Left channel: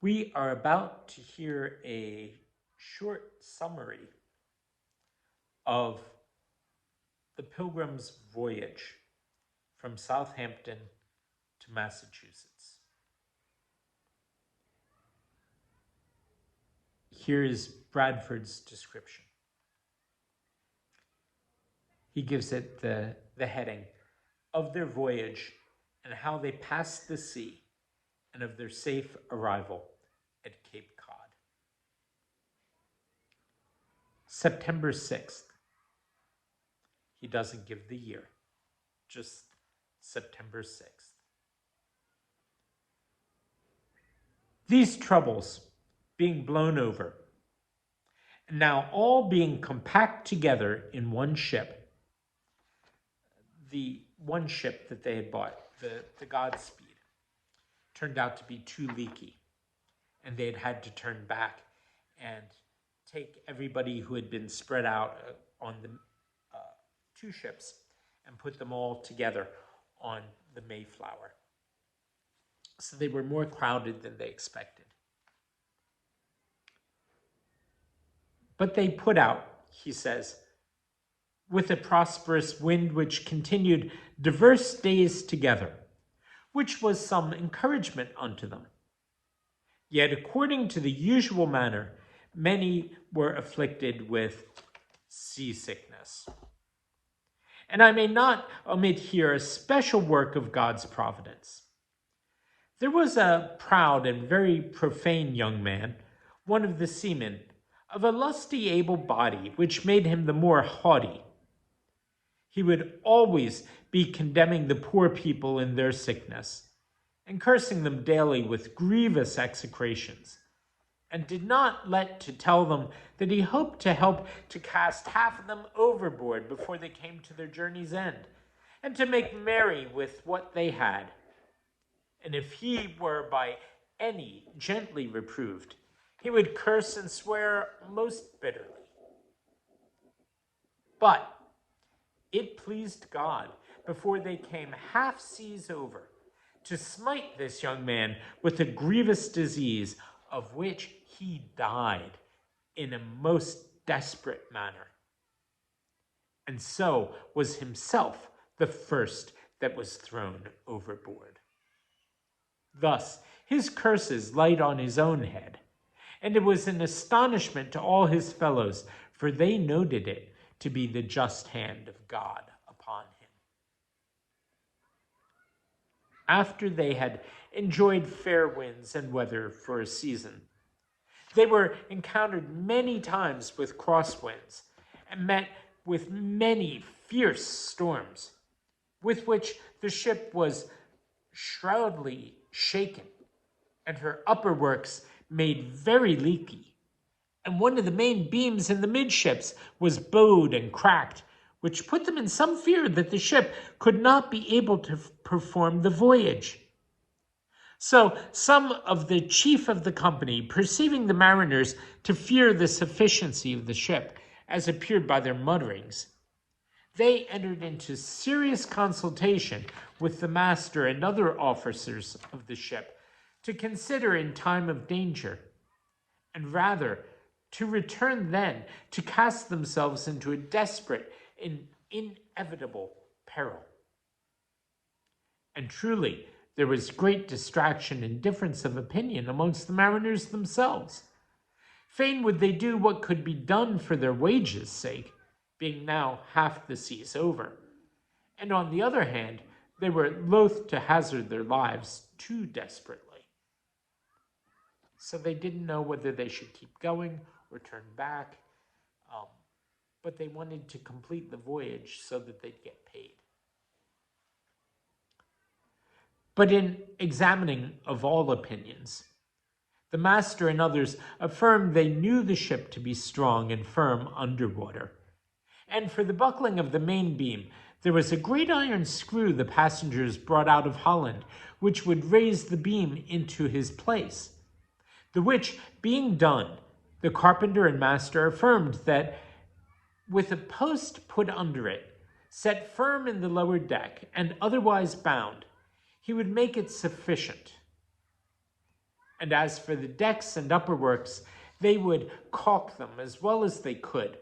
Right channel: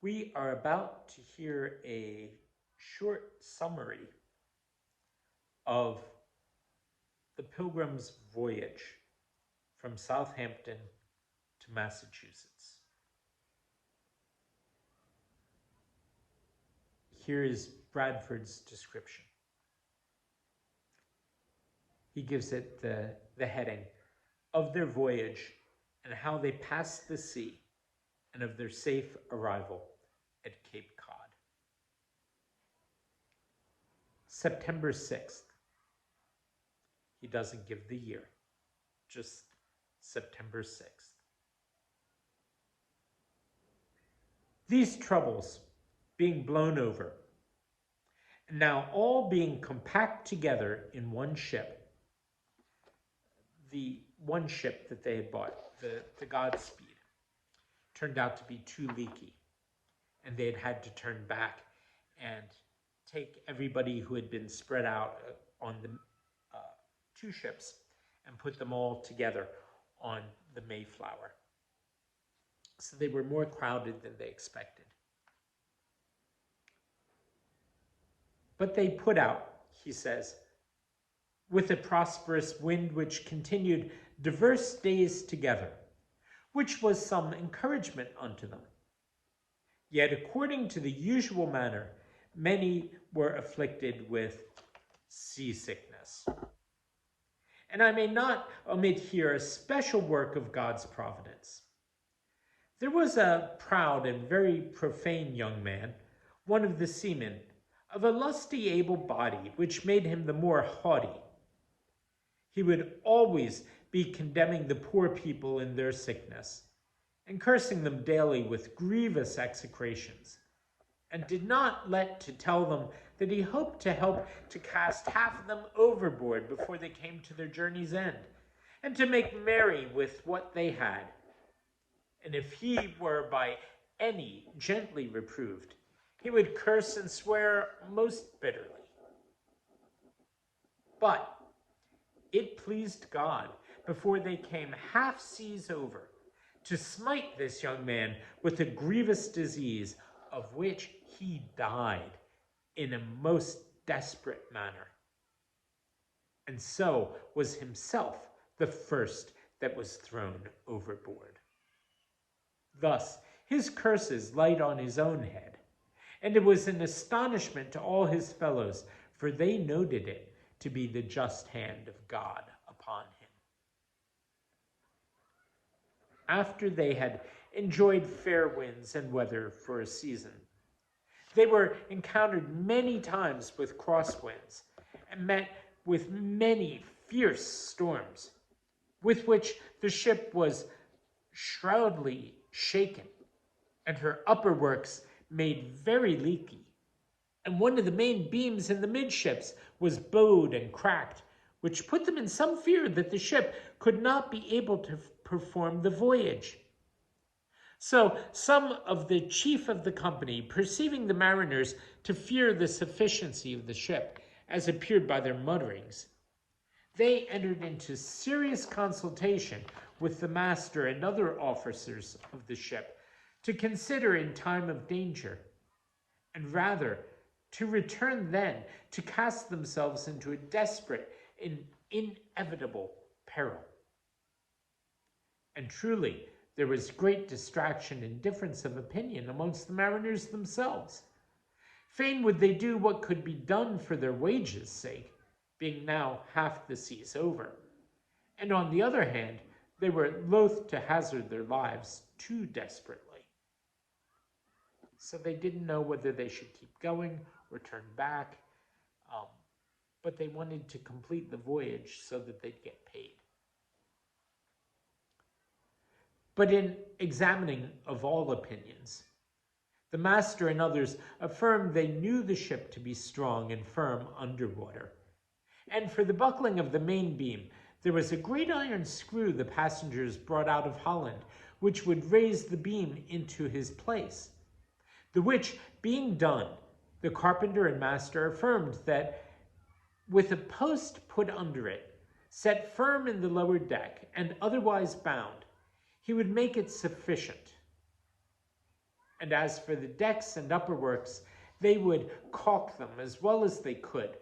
We are about to hear a short summary of the Pilgrim's Voyage from Southampton to Massachusetts. Here is Bradford's description. He gives it the heading of their voyage and how they passed the sea and of their safe arrival at Cape Cod. September 6th. He doesn't give the year, just September 6th. These troubles being blown over, and now all being compact together in one ship, the one ship that they had bought, the Godspeed, turned out to be too leaky, and they had to turn back and take everybody who had been spread out on the two ships and put them all together on the Mayflower. So they were more crowded than they expected. But they put out, he says, with a prosperous wind which continued diverse days together, which was some encouragement unto them. Yet according to the usual manner, many were afflicted with seasickness. And I may not omit here a special work of God's providence. There was a proud and very profane young man, one of the seamen, of a lusty able body, which made him the more haughty. He would always be condemning the poor people in their sickness, and cursing them daily with grievous execrations, and did not let to tell them that he hoped to help to cast half of them overboard before they came to their journey's end, and to make merry with what they had. And if he were by any gently reproved, he would curse and swear most bitterly. But it pleased God, before they came half seas over, to smite this young man with a grievous disease, of which he died in a most desperate manner, and so was himself the first that was thrown overboard. Thus his curses light on his own head, and it was an astonishment to all his fellows, for they noted it to be the just hand of God upon him. After they had enjoyed fair winds and weather for a season, they were encountered many times with crosswinds, and met with many fierce storms, with which the ship was shroudly shaken, and her upper works made very leaky, and one of the main beams in the midships was bowed and cracked, which put them in some fear that the ship could not be able to perform the voyage. So some of the chief of the company, perceiving the mariners to fear the sufficiency of the ship, as appeared by their mutterings, they entered into serious consultation with the master and other officers of the ship to consider in time of danger, and rather to return then to cast themselves into a desperate and inevitable peril. And truly, there was great distraction and difference of opinion amongst the mariners themselves. Fain would they do what could be done for their wages' sake, being now half the seas over. And on the other hand, they were loath to hazard their lives too desperately. So they didn't know whether they should keep going or turn back, but they wanted to complete the voyage so that they'd get paid. But in examining of all opinions, the master and others affirmed they knew the ship to be strong and firm underwater. And for the buckling of the main beam, there was a great iron screw the passengers brought out of Holland, which would raise the beam into his place. The which being done, the carpenter and master affirmed that with a post put under it, set firm in the lower deck, and otherwise bound, he would make it sufficient. And as for the decks and upper works, they would caulk them as well as they could.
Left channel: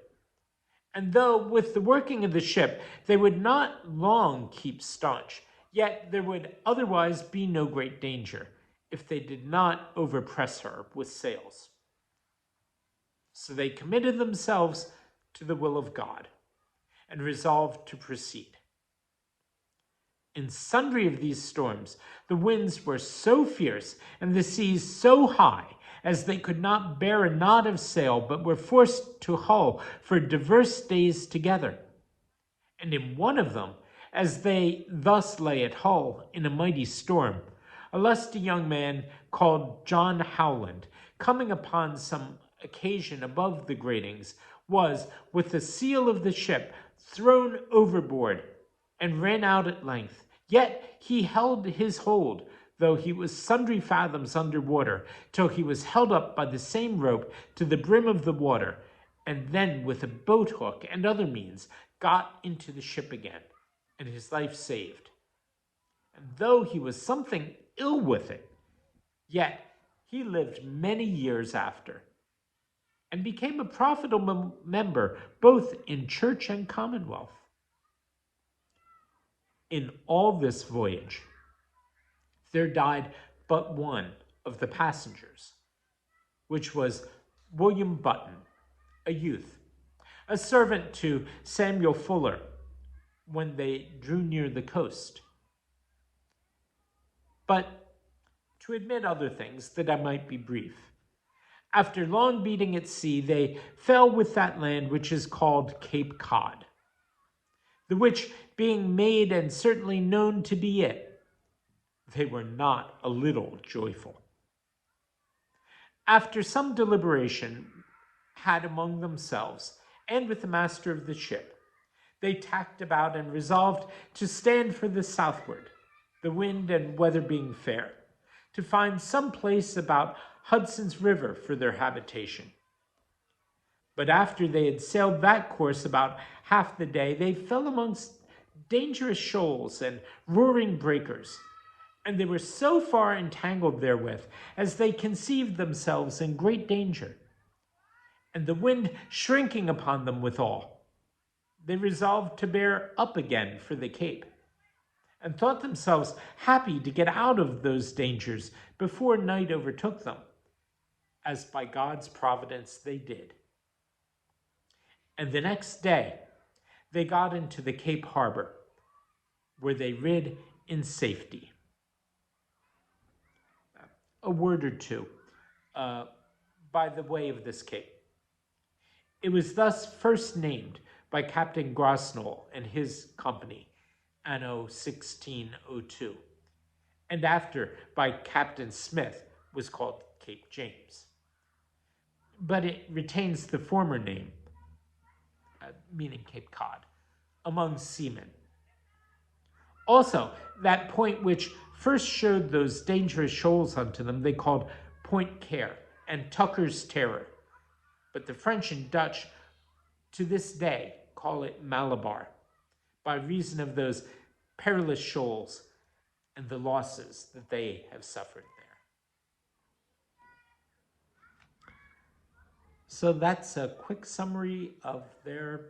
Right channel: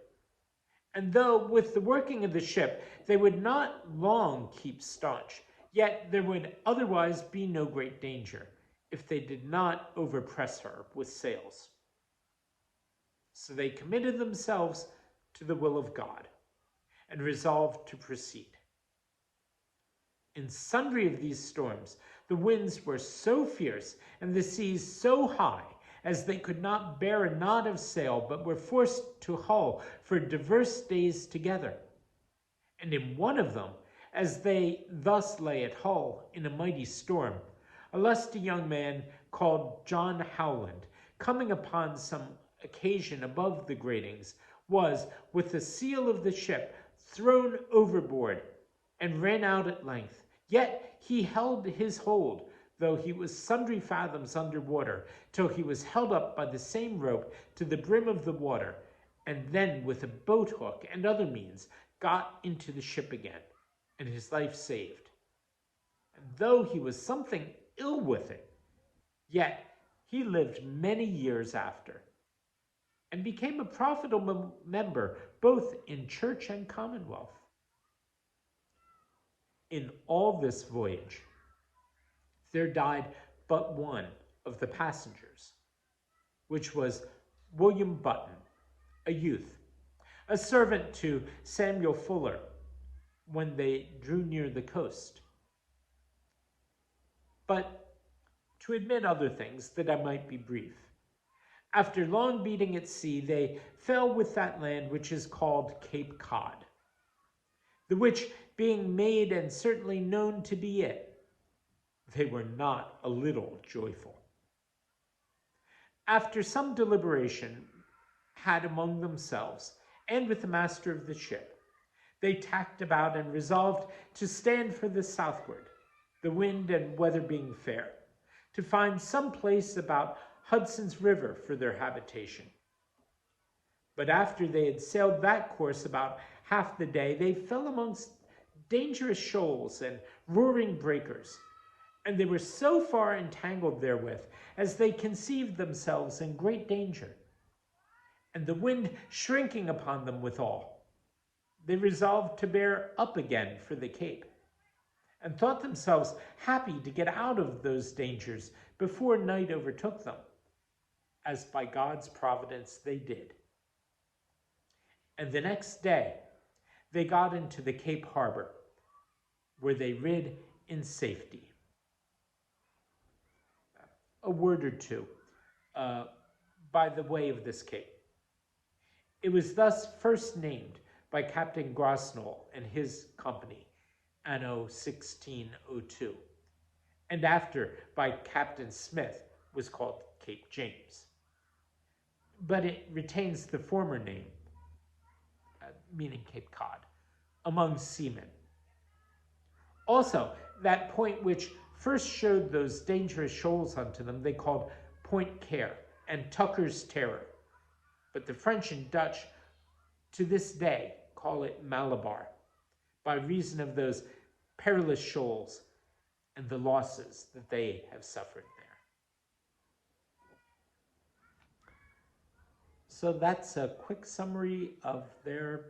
And though with the working of the ship they would not long keep staunch, yet there would otherwise be no great danger if they did not overpress her with sails. So they committed themselves to the will of God and resolved to proceed. In sundry of these storms, the winds were so fierce and the seas so high as they could not bear a knot of sail, but were forced to hull for divers days together. And in one of them, as they thus lay at Hull in a mighty storm, a lusty young man called John Howland, coming upon some occasion above the gratings, was, with the seal of the ship, thrown overboard, and ran out at length. Yet he held his hold, though he was sundry fathoms under water, till he was held up by the same rope to the brim of the water, and then with a boat hook and other means got into the ship again, and his life saved. And though he was something ill with it, yet he lived many years after, and became a profitable member both in church and commonwealth. In all this voyage, there died but one of the passengers, which was William Button, a youth, a servant to Samuel Fuller when they drew near the coast. But to admit other things, that I might be brief, after long beating at sea, they fell with that land which is called Cape Cod, the which being made and certainly known to be it, they were not a little joyful. After some deliberation had among themselves, and with the master of the ship, they tacked about and resolved to stand for the southward, the wind and weather being fair, to find some place about Hudson's River for their habitation. But after they had sailed that course about half the day, they fell amongst dangerous shoals and roaring breakers, and they were so far entangled therewith as they conceived themselves in great danger, and the wind shrinking upon them withal, they resolved to bear up again for the Cape, and thought themselves happy to get out of those dangers before night overtook them, as by God's providence they did. And the next day they got into the Cape harbor, where they rid in safety. A word or two by the way of this cape. It was thus first named by Captain Grosnell and his company, anno 1602, and after by Captain Smith was called Cape James. But it retains the former name, meaning Cape Cod, among seamen. Also, that point which first showed those dangerous shoals unto them, they called Point Care and Tucker's Terror. But the French and Dutch to this day call it Malabar, by reason of those perilous shoals and the losses that they have suffered there. So that's a quick summary of their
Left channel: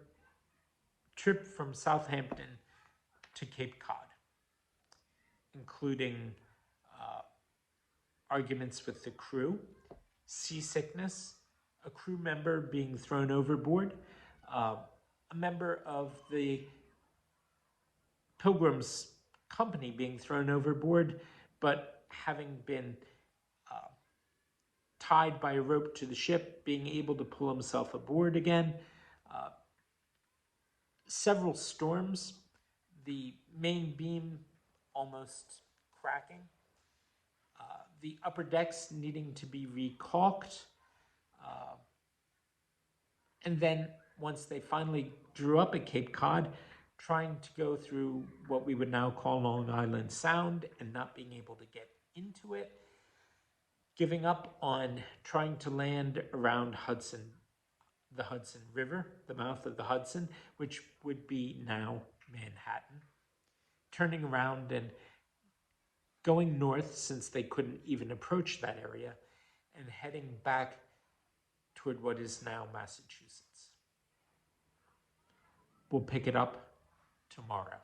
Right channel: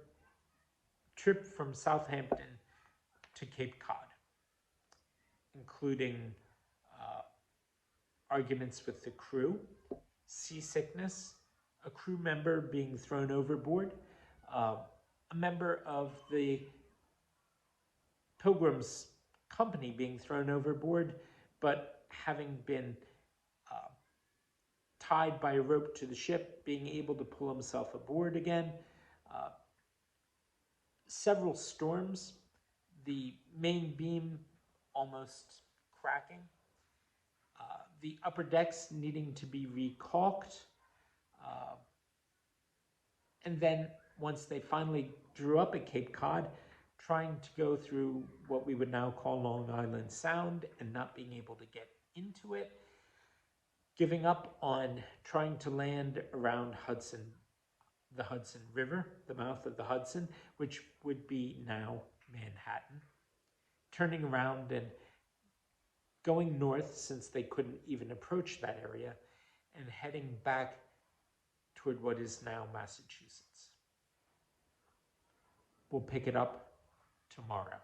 trip from Southampton to Cape Cod, including arguments with the crew, seasickness, a crew member being thrown overboard, a member of the Pilgrim's company being thrown overboard, but having been tied by a rope to the ship, being able to pull himself aboard again. Several storms, the main beam almost cracking, the upper decks needing to be recalked, and then once they finally drew up at Cape Cod, trying to go through what we would now call Long Island Sound and not being able to get into it, giving up on trying to land around the Hudson River, the mouth of the Hudson, which would be now Manhattan, turning around and going north since they couldn't even approach that area, and heading back toward what is now Massachusetts. We'll pick it up tomorrow.